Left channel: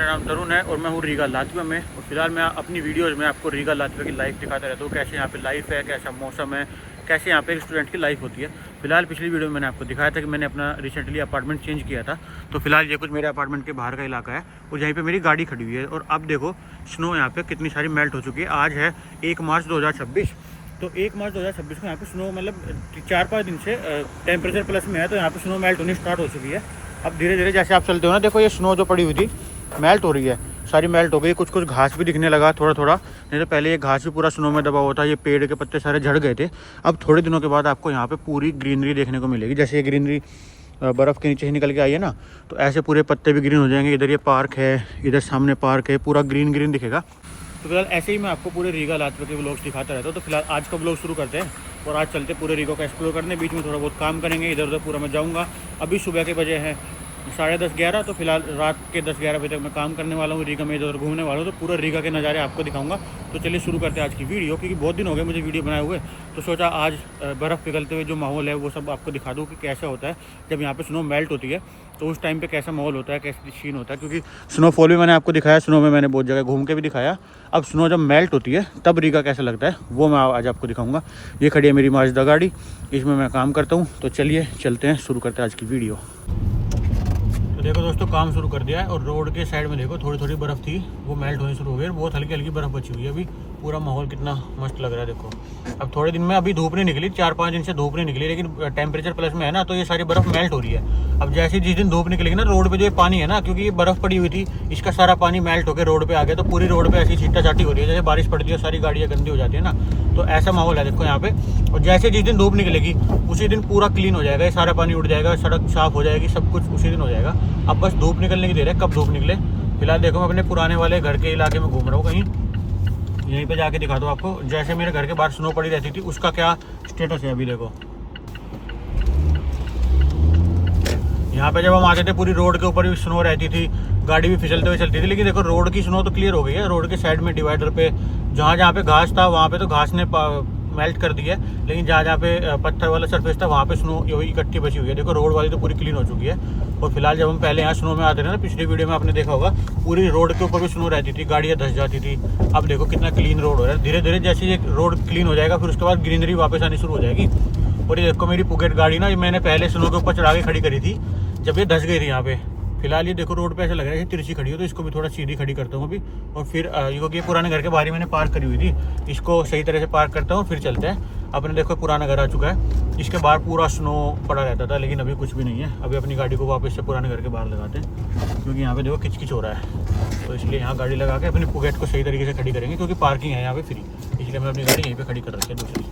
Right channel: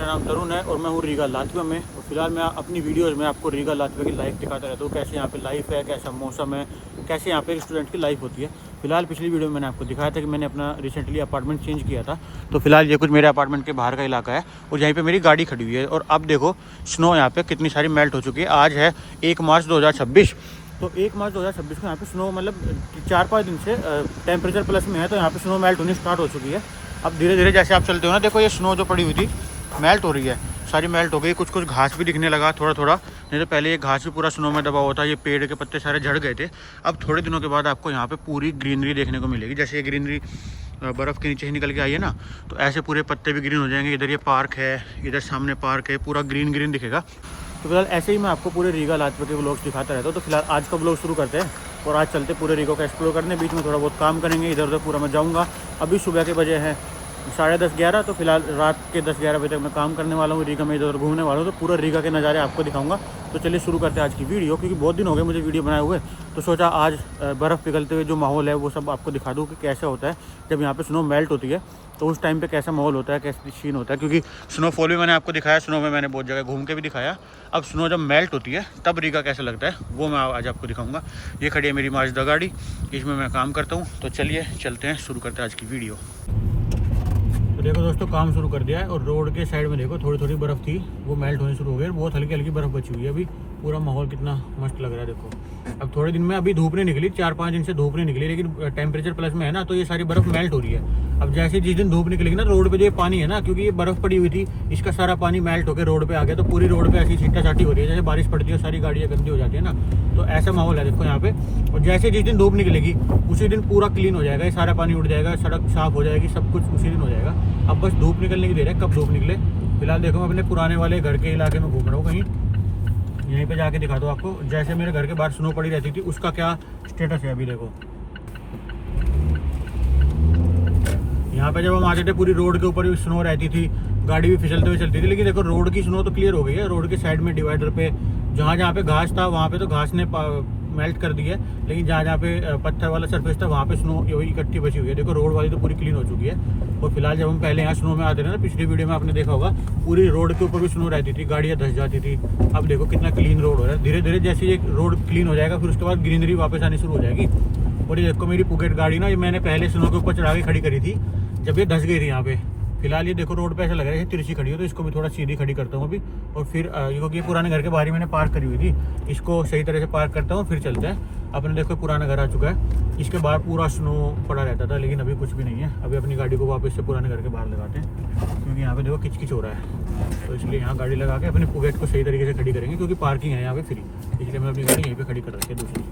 मेरा नाम तरुण है और मैं हूँ रीगा लातविया में। और फिलहाल मैं अपनी वीडियोज़ में आपको रीगा लातविया की लाइफ दिखाता रहता हूँ, कैसे यहाँ पे लाइफ है, कैसा मौसम है, कैसे यहाँ पे एक स्टूडेंट की लाइफ होती है। फिलहाल पिछली वीडियो में मैंने आपको दिखाया था कि मैंने अपना रिसेंटली अपार्टमेंट चेंज किया था। तो फिलहाल ये कुछ मेरे अपार्टमेंट के बाहर का इलाका है और यहीं पर मेरी गाड़ी खड़ी हुई है। और अब देखो स्नो यहाँ पर कितनी सारी मेल्ट हो चुकी है। आज है 1 मार्च 2026। तो 1 मार्च 2026 को यहाँ पे स्नो मतलब 4-5 दिन से टेम्परेचर प्लस में है, तो यहाँ पे स्नो मेल्ट होनी स्टार्ट हो चुकी है। अब धीरे धीरे जैसे आप चलते हो ना, देखो ये स्नो जो पड़ी हुई थी मेल्ट हो रही है, सारी मेल्ट हो गई। कुछ कुछ घास भी दिखने लगा थोड़ा थोड़ा, नहीं तो पहले ये घास भी पूरा स्नो में दबा हुआ था। ये पेड़ के पत्ते सारे झड़ गए थे। अब थोड़े दिनों के बाद आपको यहाँ पे पूरी ग्रीनरी देखने को मिलेगी। जैसे ये ग्रीनरी बर्फ़ के नीचे ही निकल के आई है ना, तो ऐसे पूरे पत्ते भी ग्रीन हो जाएंगे। इधर ये पार्क है, इधर सामने पार्क है, पूरा ग्रीन ग्रीन दिखेगा। तो फिलहाल ऐसे ही मैं आपको पूरे रीगा लातविया के ब्लॉग्स दिखाता रहता हूँ। तो फिलहाल आज का ब्लॉग शुरू करते हैं और आज चलते पूरे रीगा को एक्सप्लोर करने। बीच में थोड़ा बहुत काम करेंगे, इधर उधर पूरा मैं जाऊँगा। अभी सुबह के बजे हैं 10:30-11, तो फिलहाल रात के 10-11 बजे तक मैं काम करने वाला हूँ। रीगा में इधर घूमने वाला हूँ, तो पूरा रीगा के नज़ारे आपको दिखाऊंगा। तो चलिए शुरू करते हैं आज की वीडियो, क्योंकि बहुत दिन हो गए मुझे वीडियो बनाए हुए। तो सोचा आज बर्फ़ पिघलते हुए जो माहौल है वो सब आपको दिखा दूँ कि कैसा होता है जब यहाँ पे स्नो मेल्ट होती है। तो उस टाइम पे कैसा माहौल होता है, कैसी सीन होता है। क्योंकि स्नोफॉल भी मैंने आपको दिखाया, स्नो में मैंने बहुत जगह घूम के भी दिखाया। अब स्नो जब मेल्ट होती है तब रीगा कैसा लगता है वो मैं आज आपको दिखाऊंगा। ये खड़ी है मेरी माजदा गाड़ी, इसमें मैं काम करता हूँ। तो चलिए चलते हैं, शुरू करते हैं आज की वीडियो। तो देखो दोस्तों, काम शुरू कर दिया है और रोड के साइड में देखो थोड़ी थोड़ी बर्फ़ थी, वो मेल्ट होनी शुरू हो गई। बहुत हल्की हल्की बर्फ़ बची हुई है। अभी पूरा माहौल कितना मस्त लग रहा है। देखो अब थोड़े दिन में अभी धूप नहीं निकली, 4-5 दिन से धूप नहीं निकली, लेकिन टेम्परेचर प्लस में है ना, तो ये सारी बर्फ़ मेल्ट हो रही है। अब जैसे जिस दिन धूप निकलेगी ना, रोड पे जो ये पानी है ना, क्योंकि ये बर्फ़ पड़ी हुई थी, इसका सारा पानी मेल्ट होकर रोड पे आ गया। तो पूरी रोड पे ऐसी छीटा छाटी हो रही है, जैसे बारिश पड़ती है सारी गाड़ियाँ गंदी हो जाती है ना, तो ऐसा माहौल है देखो यहाँ पे। और जैसे जिस दिन धूप निकलेगी उसी दिन पूरा क्लीन हो जाएगा, ये सारा पानी उड़ जाएगा, सड़क साफ़ हो जाएगी, सब कुछ उसी दिन हो जाएगा। अब बस धूप निकलने की देर है, कब धूप निकले। फिलहाल देखो मैं अपने पुराने वाले घर के इलाके में घूम रहा हूँ, कहीं यहीं पे जाके दिखा दो आपको। जैसे मेरे घर के बाहर स्नो पड़ी रहती थी, उसका क्या स्टेटस है अभी देखो। यहाँ पे जब हम आते थे पूरी रोड के ऊपर भी स्नो रहती थी, गाड़ी भी फिसलते हुए चलती थी। लेकिन देखो रोड की स्नो तो क्लियर हो गई है। रोड के साइड में डिवाइडर पे जहाँ जहाँ पे घास था वहाँ पे तो घास ने मेल्ट कर दी है, लेकिन जहाँ जहाँ पे पत्थर वाला सरफेस था वहाँ पे स्नो वही इकट्ठी बची हुई है। देखो रोड वाली तो पूरी क्लीन हो चुकी है। और फिलहाल जब हम पहले यहाँ स्नो में आते थे ना, पिछली वीडियो में आपने देखा होगा, पूरी रोड के ऊपर भी स्नो रहती थी, गाड़ियाँ धंस जाती थी। अब देखो कितना क्लीन रोड हो रहा है। धीरे धीरे जैसे ये रोड क्लीन हो जाएगा, फिर उसके बाद ग्रीनरी वापस आनी शुरू हो जाएगी। और ये देखो मेरी पुगेट गाड़ी ना, ये मैंने पहले स्नो के ऊपर चढ़ा के खड़ी करी थी जब ये धंस गई थी यहाँ पे। फिलहाल ये देखो रोड पे ऐसा लग रहा है कि तिरछी खड़ी हो, तो इसको भी थोड़ा सीधी खड़ी करता हूँ अभी। और फिर ये पुराने घर के बाहर ही मैंने पार्क करी हुई थी, इसको सही तरह से पार्क करता हूँ, फिर चलते हैं। अपने देखो पुराना घर आ चुका है, इसके बाहर पूरा स्नो पड़ा रहता था, लेकिन अभी कुछ भी नहीं है। अभी अपनी गाड़ी को वापस से पुराने घर के बाहर लगाते हैं, क्योंकि यहाँ पे देखो किचकिच हो रहा है। तो इसलिए यहाँ गाड़ी लगा के अपनी पुगेट को सही तरीके से खड़ी करेंगे, क्योंकि पार्किंग है यहाँ पे फ्री, इसलिए मैं अपनी गाड़ी यहीं पे खड़ी कर रखी है दूसरी।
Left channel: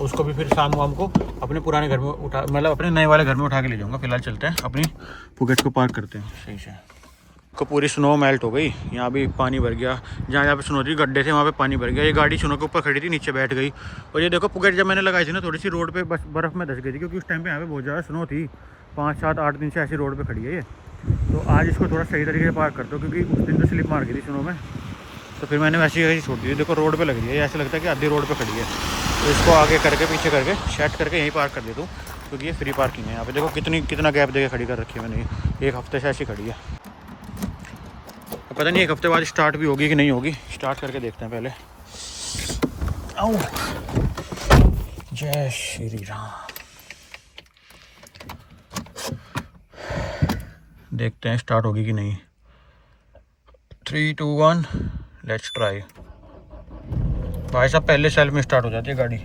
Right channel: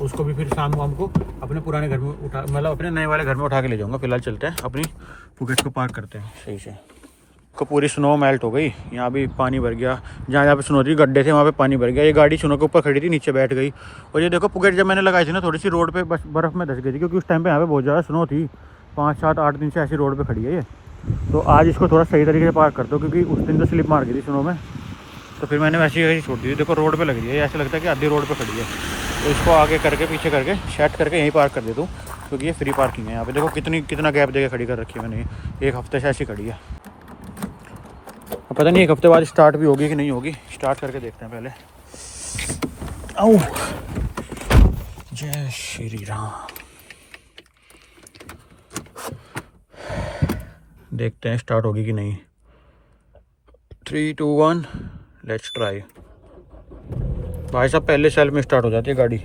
उसको भी फिर शाम को अपने पुराने घर में उठा, मतलब अपने नए वाले घर में उठा के ले जाऊँगा। फिलहाल चलते हैं, अपनी पुगेट को पार्क करते हैं सही से। को पूरी स्नो मेल्ट हो गई, यहाँ भी पानी भर गया। जहाँ पे स्नो थी गड्ढे थे वहाँ पे पानी भर गया। ये गाड़ी स्नो के ऊपर खड़ी थी, नीचे बैठ गई। और ये देखो पुगेट जब मैंने लगाई थी ना, थोड़ी सी रोड पे बस बर्फ़ में धंस गई थी, क्योंकि उस टाइम पे यहाँ पे बहुत ज़्यादा स्नो थी। 5-7-8 दिन से ऐसी रोड पे खड़ी है ये। तो आज इसको थोड़ा सही तरीके से पार्क करता हूँ, क्योंकि उस दिन तो स्लिप मार गई थी स्नो में, तो फिर मैंने वैसे ही छोड़ दी। देखो रोड पर लग रही है, ऐसा लगता है कि आधी रोड पर खड़ी है। तो इसको आगे करके पीछे करके सेट करके यहीं पार्क कर देता हूँ, क्योंकि ये फ्री पार्किंग है यहाँ पे। देखो कितना गैप देके खड़ी कर रखी है मैंने, 1 हफ्ते से ऐसी खड़ी है। पता नहीं 1 हफ्ते बाद स्टार्ट भी होगी कि नहीं होगी, स्टार्ट करके देखते हैं पहले। जय श्री राम। देखते हैं स्टार्ट होगी कि नहीं। 3, 2, 1 लेट्स ट्राई। भाई साहब पहले सेल में स्टार्ट हो जाती है गाड़ी।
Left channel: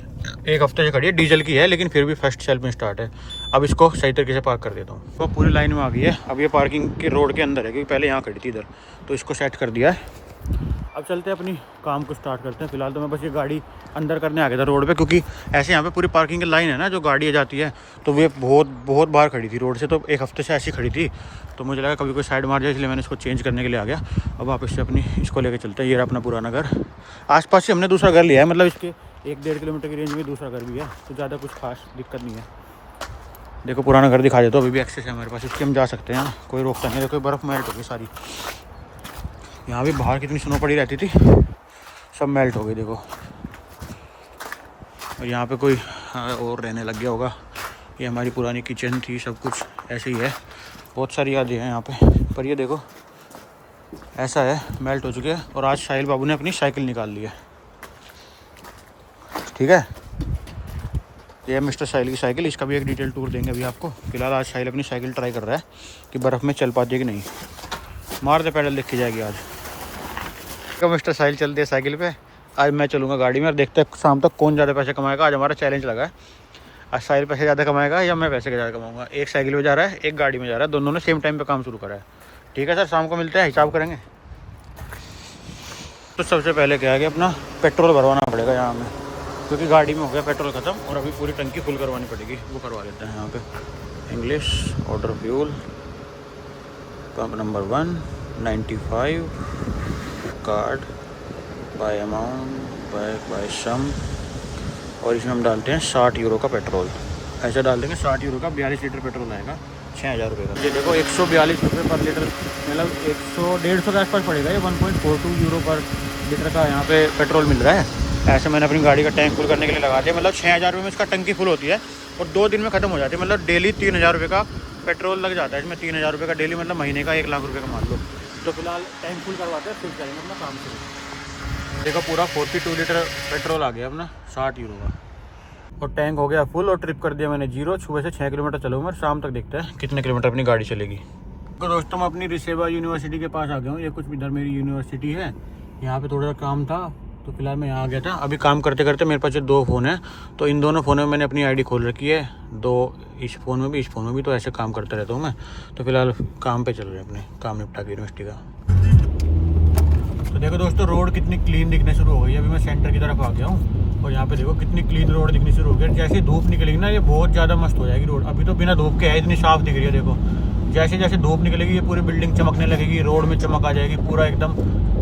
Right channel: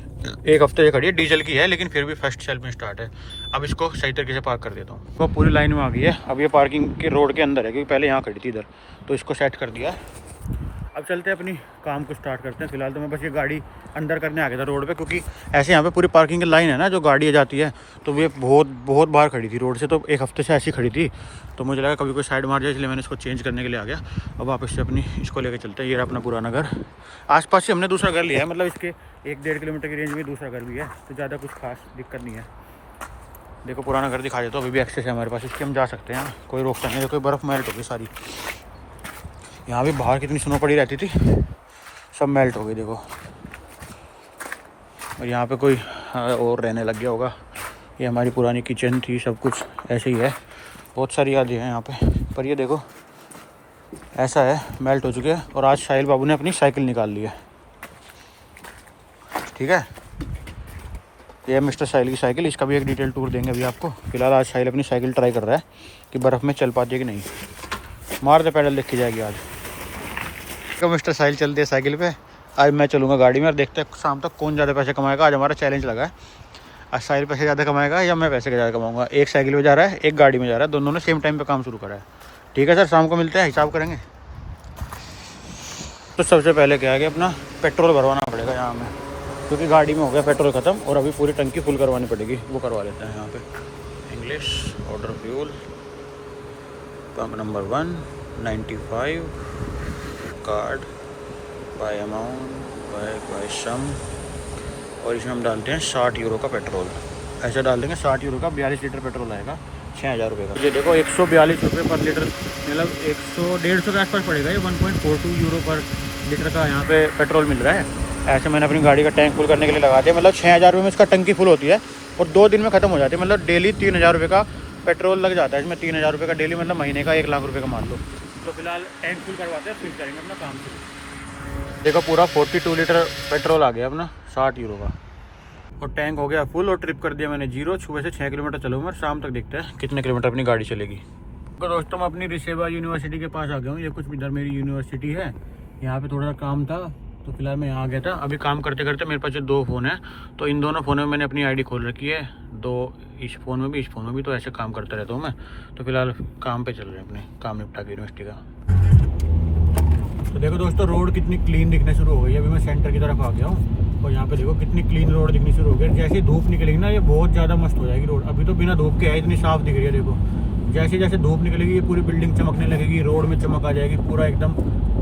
1 हफ्ते से खड़ी है, डीजल की है, लेकिन फिर भी फर्स्ट सेल में स्टार्ट है। अब इसको सही तरीके से पार्क कर देता हूँ। तो पूरी लाइन में आ गई है। अब ये पार्किंग के रोड के अंदर है, क्योंकि पहले यहाँ खड़ी थी इधर, तो इसको सेट कर दिया है। अब चलते हैं अपनी काम को स्टार्ट करते हैं। फिलहाल तो मैं बस ये गाड़ी अंदर करने आ गया था रोड पे, क्योंकि ऐसे यहाँ पे पूरी पार्किंग की लाइन है ना, जो गाड़ी जाती है, तो वो बहुत बाहर खड़ी थी रोड से। तो 1 हफ्ते से ऐसी खड़ी थी, तो मुझे लगा कभी कोई साइड मार जाए, इसलिए मैंने इसको चेंज करने के लिए आ गया। अब वापस से अपनी इसको लेकर चलते हैं। ये रहा अपना पुराना घर। आसपास से हमने दूसरा घर लिया है, मतलब इसके 1-1.5 किलोमीटर की रेंज में दूसरा घर भी है, तो ज़्यादा कुछ खास दिक्कत नहीं है। देखो पुराना घर दिखा देता हूँ, अभी भी एक्सेस है हमारे पास, इससे हम जा सकते हैं, कोई रोकता नहीं है। देखो बर्फ़ मेल्ट हो गई सारी। यहाँ भी बाहर कितनी स्नो पड़ी रहती थी, सब मेल्ट हो गई देखो। और यहाँ पे कोई और रहने लग गया होगा। ये हमारी पुरानी किचन थी, सब कुछ ऐसे ही है। बहुत सारी यादें हैं यहाँ पे। पर ये देखो ऐसा है, मेल्ट हो चुके हैं। और आज साहिल बाबू ने अपनी साइकिल निकाल ली है, ठीक है। ये मिस्टर साहिल की साइकिल, इसका भी एक डिटेल टूर देंगे अभी आपको। फिलहाल आज साहिल अपनी साइकिल ट्राई कर रहा है कि बर्फ़ में चल पाती है कि नहीं। मार दे पैडल, देखी जाएगी आज। तो मिस्टर साहिल चलते हैं साइकिल पे, आज मैं चलूँगा गाड़ी में और देखते हैं शाम तक कौन ज़्यादा पैसे कमाएगा। आज हमारा चैलेंज लगा है, आज साहिल पैसे ज़्यादा कमाएगा या मैं पैसे ज़्यादा कमाऊँगा। एक साइकिल में जा रहा है, एक गाड़ी में जा रहा है, दोनों ने सेम टाइम पे काम शुरू करा है। ठीक है सर, शाम को मिलते हैं, हिसाब करेंगे। तो सबसे पहले क्या है कि अपना पेट्रोल भरवाना पड़ेगा यहाँ में, क्योंकि गाड़ी में हो गया पेट्रोल ख़त्म और अभी पूरी टंकी फुल करवानी पड़ेगी। वो करवा लेते हैं यहाँ पे। English, order fuel, pump number 1, 95, card, by amount, by sum. और इसमें हम डालते हैं 60 यूरो का पेट्रोल। ऐसे डाल देंगे 60 यूरो का 42 लीटर पेट्रोल आएगा, 6000 रुपये का। ये देखो 142 रुपये पर लीटर, मतलब 100-150 के आसपास पड़ेगा। ये 1.42 यूरो पर लीटर का यहाँ पे पेट्रोल मिल रहा है। ऐसे मैंने अपनी गाड़ी का टैंक फुल करने के लिए लगा दिया। मतलब 6000 रुपये में इसका टंकी फुल होती है और 2 दिन में ख़त्म हो जाती है। मतलब डेली 3000 रुपये का पेट्रोल लग जाता है इसमें। 3000 रुपये का डेली, मतलब महीने का 1 लाख रुपये का मान लो। तो फिलहाल टैंक फुल करवाते हैं, फिर करेंगे अपना काम शुरू। देखो पूरा 42 लीटर पेट्रोल आ गया अपना 60 यूरो का, और टैंक हो गया फुल और ट्रिप कर दिया मैंने 0। सुबह से 6 किलोमीटर चलूँगा, शाम तक देखते हैं कितने किलोमीटर अपनी गाड़ी चलेगी। तो दोस्तों मैं अपनी रिसेवा यूनिवर्सिटी के पास आ गया हूँ। ये कुछ इधर मेरी यूनिवर्सिटी है, यहाँ पे थोड़ा सा काम था तो फिलहाल मैं यहाँ आ गया था। अभी काम करते करते मेरे पास 2 फ़ोन है, तो इन दोनों फ़ोनों में मैंने अपनी आईडी खोल रखी है। 2 इस फ़ोन में भी, इस फ़ोन में भी, तो ऐसे काम करता रहता हूँ मैं। तो फिलहाल काम पे चल रहे हैं, अपने काम निपटा के यूनिवर्सिटी का। तो देखो दोस्तों, रोड कितनी क्लीन दिखने शुरू हो गई है। अभी मैं सेंटर की तरफ आ गया हूँ और यहाँ पे देखो कितनी क्लीन रोड दिखनी शुरू हो गई है। जैसे धूप निकलेगी ना, ये बहुत ज़्यादा मस्त हो जाएगी रोड। अभी तो बिना धूप के है, इतनी साफ दिख रही है। देखो जैसे जैसे धूप निकलेगी ये पूरी बिल्डिंग चमकने लगेगी, रोड में चमक आ जाएगी, पूरा एकदम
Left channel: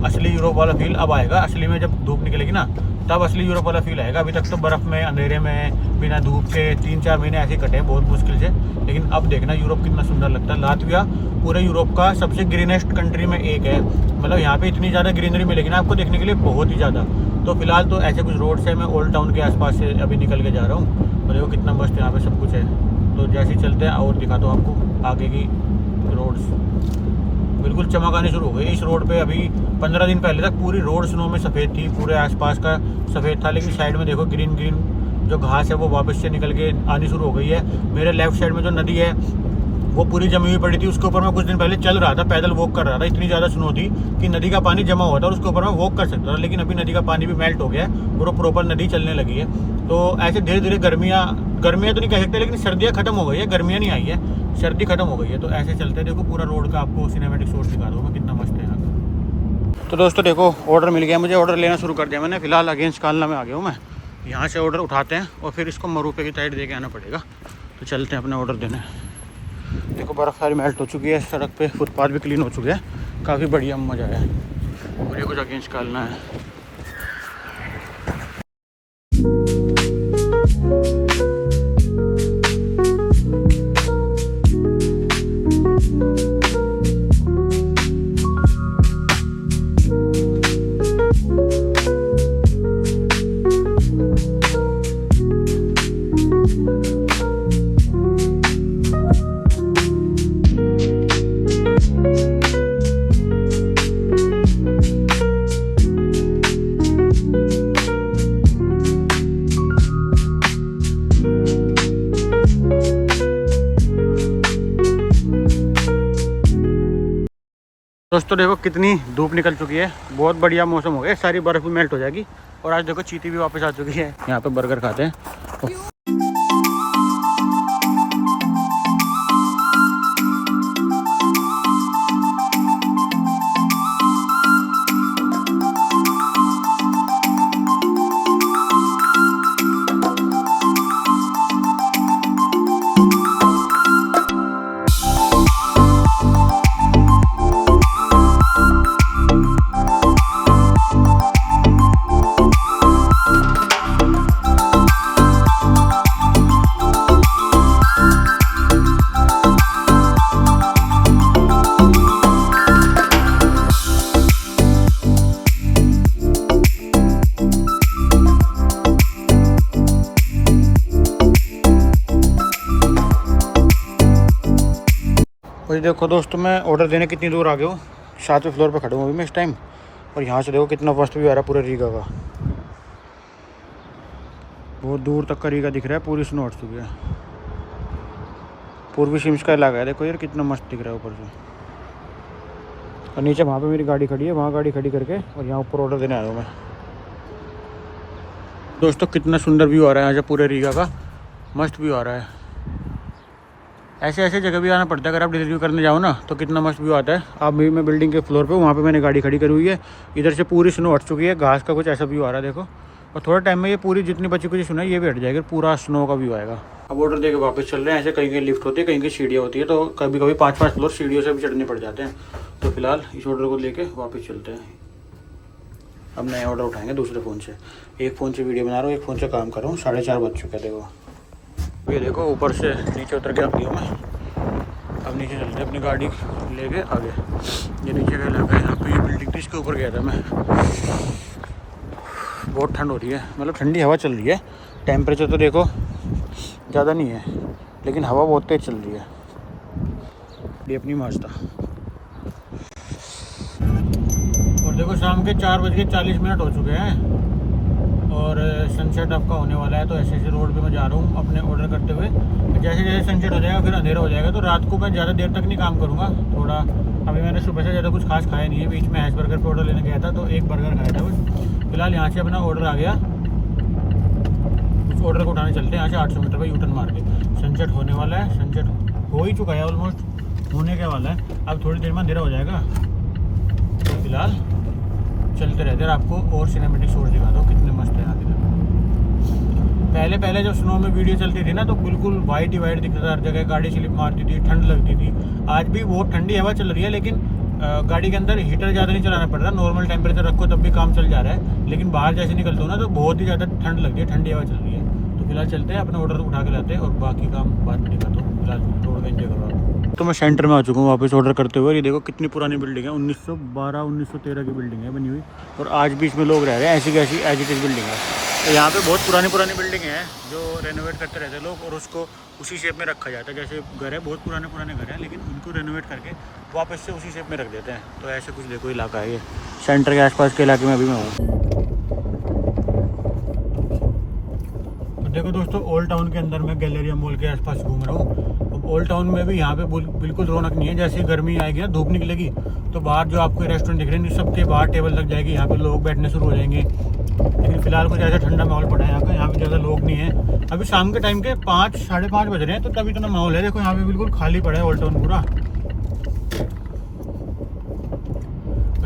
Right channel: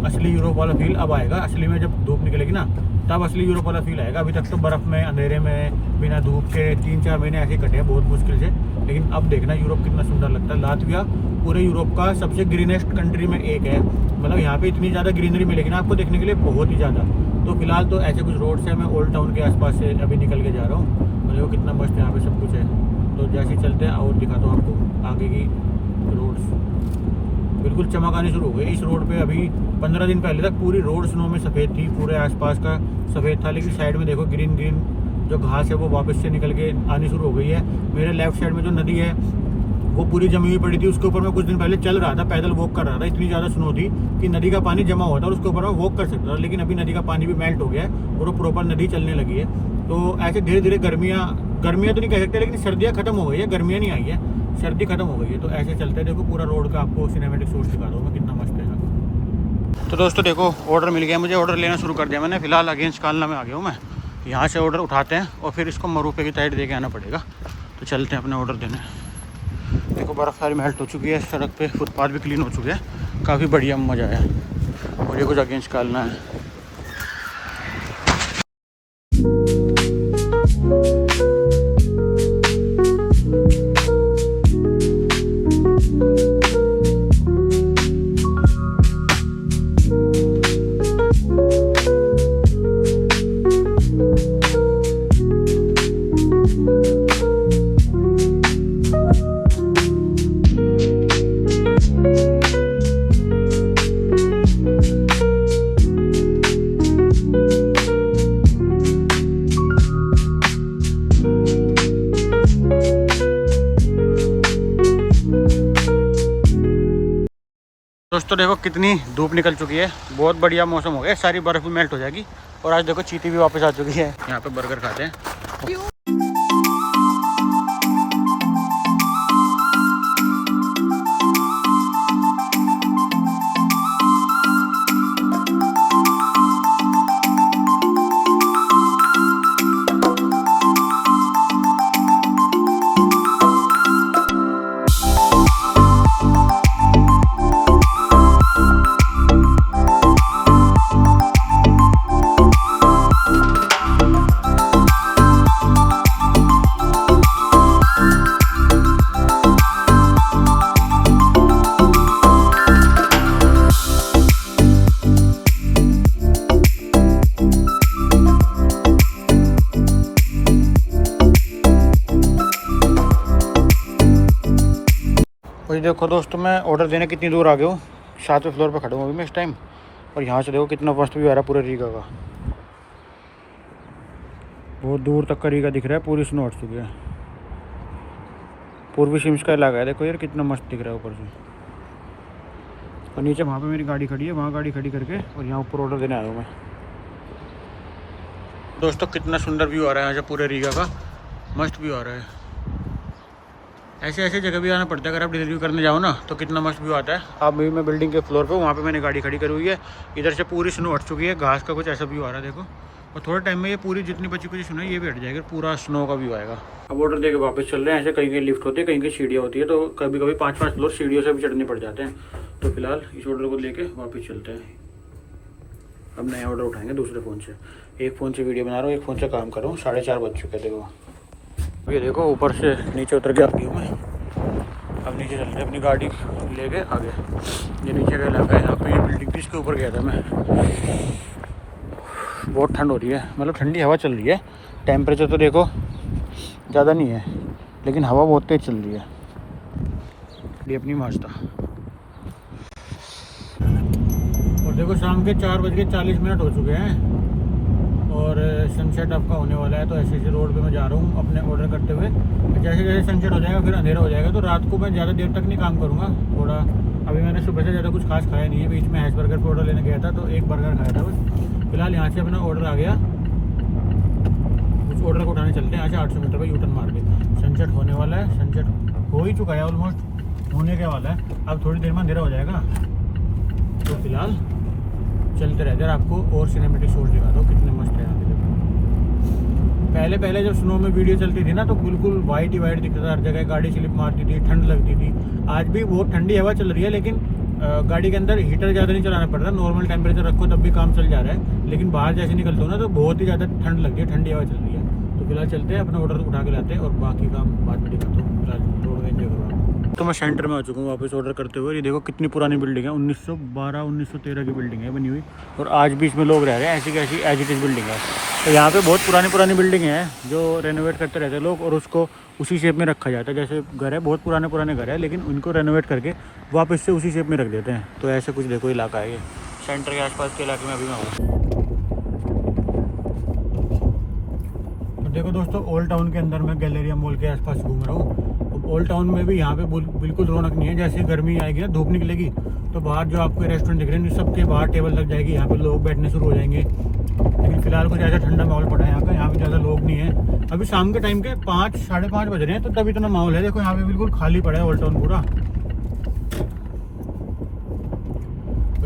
असली यूरोप वाला फील अब आएगा। असली में जब धूप निकलेगी ना, तब असली यूरोप वाला फील आएगा। अभी तक तो बर्फ़ में, अंधेरे में, बिना धूप के 3-4 महीने ऐसे ही कटे हैं बहुत मुश्किल से। लेकिन अब देखना यूरोप कितना सुंदर लगता है। लातविया पूरे यूरोप का सबसे ग्रीनेस्ट कंट्री में एक है। मतलब यहाँ पे इतनी ज़्यादा ग्रीनरी मिलेगी ना आपको देखने के लिए, बहुत ही ज़्यादा। तो फिलहाल तो ऐसे कुछ रोड से मैं ओल्ड टाउन के आसपास से अभी निकल के जा रहा हूँ और देखो कितना मस्त यहाँ पे सब कुछ है। तो जैसे ही चलते हैं और दिखाता हूँ आपको आगे की रोड्स। बिल्कुल चमक आने शुरू हो गई इस रोड पे। अभी 15 दिन पहले तक पूरी रोड स्नो में सफ़ेद थी, पूरे आसपास का सफ़ेद था। लेकिन साइड में देखो ग्रीन ग्रीन जो घास है वो वापस से निकल के आनी शुरू हो गई है। मेरे लेफ्ट साइड में जो नदी है वो पूरी जमी हुई पड़ी थी, उसके ऊपर मैं कुछ दिन पहले चल रहा था, पैदल वॉक कर रहा था। इतनी ज़्यादा स्नो थी कि नदी का पानी जमा हुआ था और उसके ऊपर मैं वॉक कर सकता था। लेकिन अभी नदी का पानी भी मेल्ट हो गया है, पूरा प्रॉपर नदी चलने लगी है। तो ऐसे धीरे धीरे गर्मियाँ तो नहीं कह सकते, लेकिन सर्दियाँ खत्म हो गई है, गर्मियाँ नहीं आई है, सर्दी खत्म हो गई है। तो ऐसे चलते देखो पूरा रोड का आपको सिनेमेटिक शॉट दिखा रहा हूँ मैं, कितना मस्त है। तो दोस्तों देखो ऑर्डर मिल गया मुझे, ऑर्डर लेना शुरू कर दिया मैंने। फिलहाल अगेंस्ट कालना में आ गया हूँ मैं। यहाँ से ऑर्डर उठाते हैं और फिर इसको मरूफे की साइड दे के आना पड़ेगा। तो चलते हैं अपने ऑर्डर देने। देखो बर्फ़ सारी मेल्ट हो चुकी है, सड़क पे फुटपाथ भी क्लीन हो चुके हैं, काफ़ी बढ़िया मज़ा आया। मुझे कुछ अगेंस्ट कालना है। दोस्तों देखो कितनी धूप निकल चुकी है, बहुत बढ़िया मौसम हो गया, सारी बर्फ़ भी मेल्ट हो जाएगी। और आज देखो चींटी भी वापस आ चुकी है। यहाँ पे बर्गर खाते हैं। और देखो दोस्तों मैं ऑर्डर देने कितनी दूर आ गया हूँ। 7वें फ्लोर पर खड़ा हूँ अभी मैं इस टाइम। और यहाँ से देखो कितना मस्त व्यू आ रहा है पूरे रीगा का। बहुत दूर तक का रीगा दिख रहा है, पूरी स्नो हट चुकी है। पूर्वी सिम्स का इलाका है, देखो यार कितना मस्त दिख रहा है ऊपर से। और नीचे वहाँ पे मेरी गाड़ी खड़ी है, वहाँ गाड़ी खड़ी करके और यहाँ ऊपर ऑर्डर देने आया हूँ मैं। दोस्तों कितना सुंदर व्यू आ रहा है यहाँ से पूरे रीगा का, मस्त व्यू आ रहा है। ऐसे ऐसे जगह भी आना पड़ता है अगर आप डिलीवरी करने जाओ ना, तो कितना मस्त व्यू आता है। आप भी मैं बिल्डिंग के फ्लोर पे, वहाँ पे मैंने गाड़ी खड़ी करी हुई है। इधर से पूरी स्नो हट चुकी है, घास का कुछ ऐसा व्यू आ रहा है देखो। और थोड़े टाइम में ये पूरी जितनी बची कुछ स्नो है ये भी हट जाएगी, पूरा स्नो का व्यू आएगा। अब ऑर्डर देके वापस चल रहे हैं। ऐसे कहीं कहीं लिफ्ट होती है, कहीं कहीं सीढ़ियाँ होती है, तो कभी कभी 5-5 फ्लोर सीढ़ियों से भी चढ़ने पड़ जाते हैं। तो फिलहाल इस ऑर्डर को लेके वापस चलते हैं। अब नया ऑर्डर उठाएंगे दूसरे फ़ोन से। एक फ़ोन से वीडियो बना रहा हूँ, एक फ़ोन से काम कर रहा हूँ। 4:30 बज चुके थे वो। ये देखो ऊपर से नीचे उतर के आ गया मैं। अब नीचे चलते अपनी गाड़ी लेके आगे। ये नीचे का इलाका है, यहाँ पे ये बिल्डिंग थी, इसके ऊपर गया था मैं। बहुत ठंड हो रही है, मतलब ठंडी हवा चल रही है। टेम्परेचर तो देखो ज़्यादा नहीं है, लेकिन हवा बहुत तेज़ चल रही है। ये अपनी माजदा। और देखो शाम के 4:40 हो चुके हैं और सनसेट आपका होने वाला है। तो ऐसे ऐसे रोड पे मैं जा रहा हूँ अपने ऑर्डर करते हुए। जैसे जैसे सनसेट हो जाएगा फिर अंधेरा हो जाएगा, तो रात को मैं ज़्यादा देर तक नहीं काम करूँगा। थोड़ा अभी मैंने सुबह से ज़्यादा कुछ खास खाया नहीं है। बीच में हैश बर्गर का ऑर्डर लेने गया था, तो एक बर्गर खाया था बस। फिलहाल यहाँ से अपना ऑर्डर आ गया, उस ऑर्डर को उठाने चलते हैं। यहाँ से 800 मीटर पर यूटर्न मार के। सनसेट होने वाला है, सनसेट हो ही चुका है, ऑलमोस्ट होने के वाला है। अब थोड़ी देर में अंधेरा हो जाएगा। तो फिलहाल चलते रहते हैं, आपको और सिनेमेटिक शॉट दिखाता हूँ कितने मस्त है यहाँ पे। पहले जब स्नो में वीडियो चलती थी ना, तो बिल्कुल वाइट ही वाइट दिखता था हर जगह। गाड़ी स्लिप मारती थी, ठंड लगती थी। आज भी बहुत ठंडी हवा चल रही है, लेकिन गाड़ी के अंदर हीटर ज़्यादा नहीं चलाना पड़ रहा। नॉर्मल टेम्परेचर रखो तब भी काम चल जा रहा है। लेकिन बाहर जैसे निकलते हो ना, तो बहुत ही ज़्यादा ठंड लगती है, ठंडी हवा चल रही है। तो फिलहाल चलते हैं, अपना ऑर्डर उठा के लाते हैं और बाकी काम बाद में दिखाता हूँ। फिलहाल रोड में एंजॉय करो। तो मैं सेंटर में आ चुका हूँ वापस ऑर्डर करते हुए। ये देखो कितनी पुरानी बिल्डिंग है, 1912-1913 की बिल्डिंग है बनी हुई। और आज भी इसमें लोग रह रहे हैं, ऐसी की ऐसी एज इट इज़ बिल्डिंग है। तो यहाँ पे बहुत पुरानी बिल्डिंग है जो रेनोवेट करते रहते हैं लोग, और उसको उसी शेप में रखा जाता है। जैसे घर है, बहुत पुराने घर है, लेकिन उनको रेनोवेट करके वापस से उसी शेप में रख देते हैं। तो ऐसे कुछ देखो इलाका है ये, सेंटर के आसपास के इलाके में अभी मैं हूँ। देखो दोस्तों, ओल्ड टाउन के अंदर मैं गैलेरिया मॉल के आसपास घूम रहा हूँ। ओल्ड टाउन में भी यहाँ पे बिल्कुल रौनक नहीं है। जैसे गर्मी आएगी ना, धूप निकलेगी, तो बाहर जो आपको रेस्टोरेंट दिख रहे हैं सबके बाहर टेबल लग जाएगी, यहाँ पे लोग बैठने शुरू हो जाएंगे। लेकिन फिलहाल कुछ ऐसा ठंडा माहौल पड़ा है यहाँ पे ज़्यादा लोग नहीं है। अभी शाम के टाइम के 5-5:30 बज रहे हैं, तो तब इतना माहौल है। देखो यहाँ पे बिल्कुल खाली पड़ा है ओल्ड टाउन पूरा।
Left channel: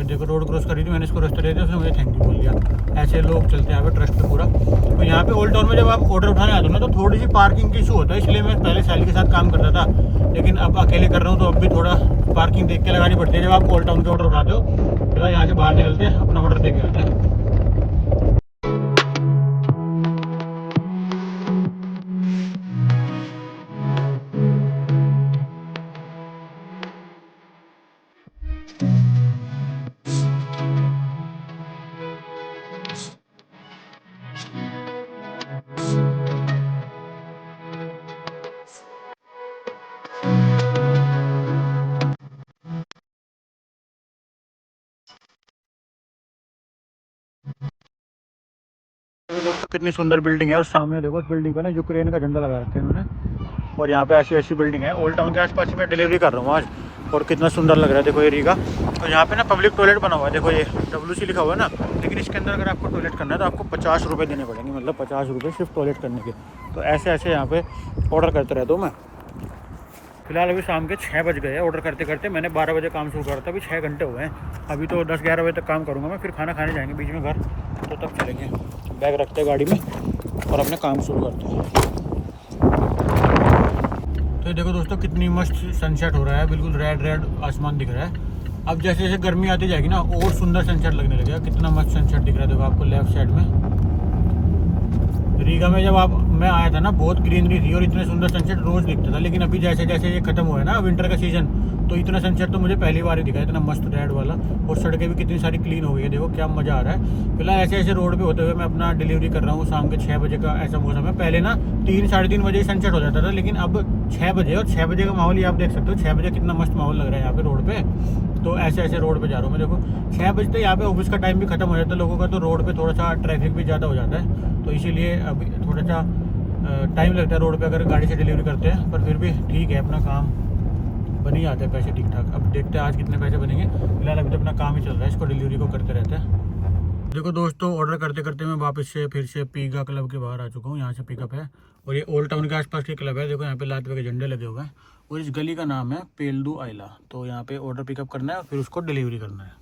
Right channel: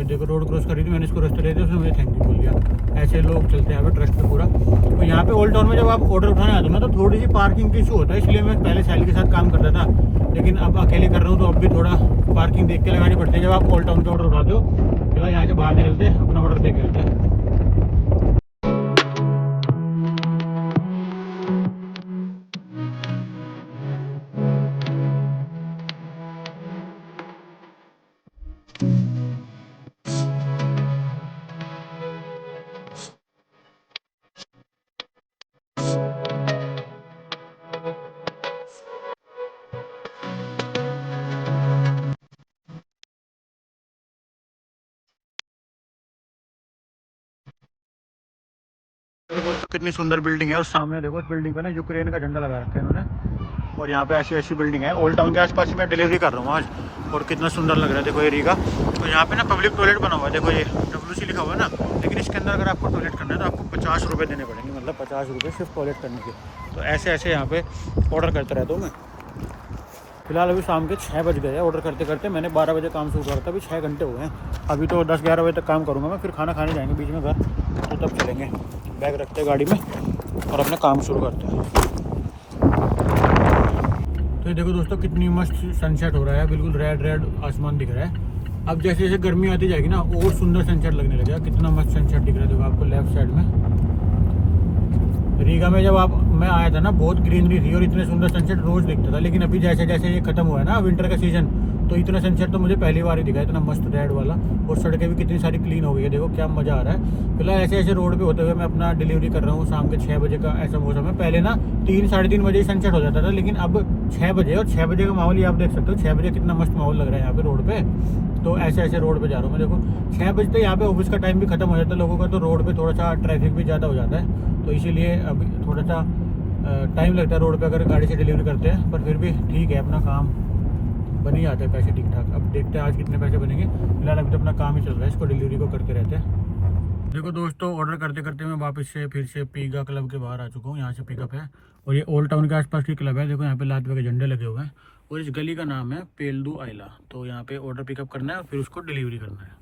देखो रोड क्रॉस करी थी मैंने, इसको रास्ता दे दिया, उसने मुझे थैंक यू बोल दिया। ऐसे लोग चलते हैं ट्रस्ट पे पूरा। तो यहाँ पे ओल्ड टाउन में जब आप ऑर्डर उठाने आते हो ना, तो थोड़ी सी पार्किंग की इशू होता है। इसलिए मैं पहले सैली के साथ काम करता था, लेकिन अब अकेले कर रहा हूँ, तो अब भी थोड़ा पार्किंग देख के लगानी पड़ती है जब आप ओल्ड टाउन के ऑर्डर उठाते हो। तो यहाँ से बाहर निकलते हैं, अपना ऑर्डर दे के आते हैं। दोस्तों कितनी सुंदर बिल्डिंग है, और सामने देखो इस बिल्डिंग पे ना यूक्रेन का झंडा लगा रखा है इन्होंने। और यहाँ पे ऐसी बिल्डिंग है। ओल्ड टाउन के आसपास ही मैं डिलीवरी कर रहा हूँ आज, और कितना सुंदर लग रहा है देखो एरिया का। तो यहाँ पे ना पब्लिक टॉयलेट बना हुआ है, देखो ये WC लिखा हुआ है ना। लेकिन इसके अंदर अगर आपको टॉयलेट करना है तो आपको 50 रुपये देने पड़ेंगे, मतलब 50 रुपये सिर्फ टॉयलेट करने के। तो ऐसे यहाँ पे ऑर्डर करते रहता हूँ मैं। फिलहाल अभी शाम के 6 बज गए ऑर्डर करते करते। मैंने 12 बजे काम शुरू करा था, अभी 6 घंटे हुए हैं। अभी तो 10-11 बजे तक काम करूँगा मैं, फिर खाना खाने जाएंगे बीच में घर, तो तब चलेंगे। बैग रखते हैं गाड़ी में और अपने काम शुरू करते हैं। तो देखो दोस्तों कितनी मस्त सनसेट हो रहा है, बिल्कुल रेड आसमान दिख रहा है। अब जैसे जैसे गर्मी आती जाएगी ना, और सुंदर सनसेट लगने लगेगा। कितना मस्त सनसेट दिख रहा है देखो आपको लेफ्ट साइड में। रीगा में जब मैं आया था ना, बहुत ग्रीनरी थी और इतने सुंदर सनसेट रोज दिखता था। लेकिन अभी जैसे जैसे ये खत्म हुआ है ना विंटर का सीजन, तो इतना सनसेट तो मुझे पहली बार ही दिखा, इतना मस्त रेड वाला। और सड़कें भी कितनी सारी क्लीन हो गई है, देखो क्या मज़ा आ रहा है। फिलहाल ऐसे रोड पे होते हुए मैं अपना डिलीवरी कर रहा हूँ। शाम के 6 बजे का ऐसा मौसम है। पहले ना 3-3:30 बजे सनसेट हो जाता था, लेकिन अब 6 बजे, और 6 बजे का माहौल ही आप देख सकते हो। 6 बजे कितना मस्त माहौल लग रहा है यहाँ पे रोड पे। तो ऐसे ऐसे रोड पे जा रहा हूँ मैं। देखो 6 बजते यहाँ पे ऑफिस का टाइम भी खत्म हो जाता है लोगों का, तो रोड पे थोड़ा सा ट्रैफिक भी ज़्यादा हो जाता है, तो इसीलिए अभी थोड़ा सा टाइम लगता है रोड पे अगर गाड़ी से डिलीवरी करते हैं, पर फिर भी ठीक है, अपना काम बन ही आता है पैसे ठीक ठाक। अब देखते हैं आज कितने पैसे बनेंगे। फिलहाल अभी तो अपना काम ही चल रहा है, इसको डिलीवरी को करते रहते हैं। देखो दोस्तों, ऑर्डर करते करते मैं वापस से फिर से पीगा क्लब के बाहर आ चुका हूँ। यहाँ से पिकअप है और ये ओल्ड टाउन के आसपास की क्लब है। देखो यहाँ पे लातविया के झंडे लगे हुए हैं और इस गली का नाम है पेल्दू आइला। तो यहाँ पे ऑर्डर पिकअप करना है और फिर उसको डिलीवरी करना है।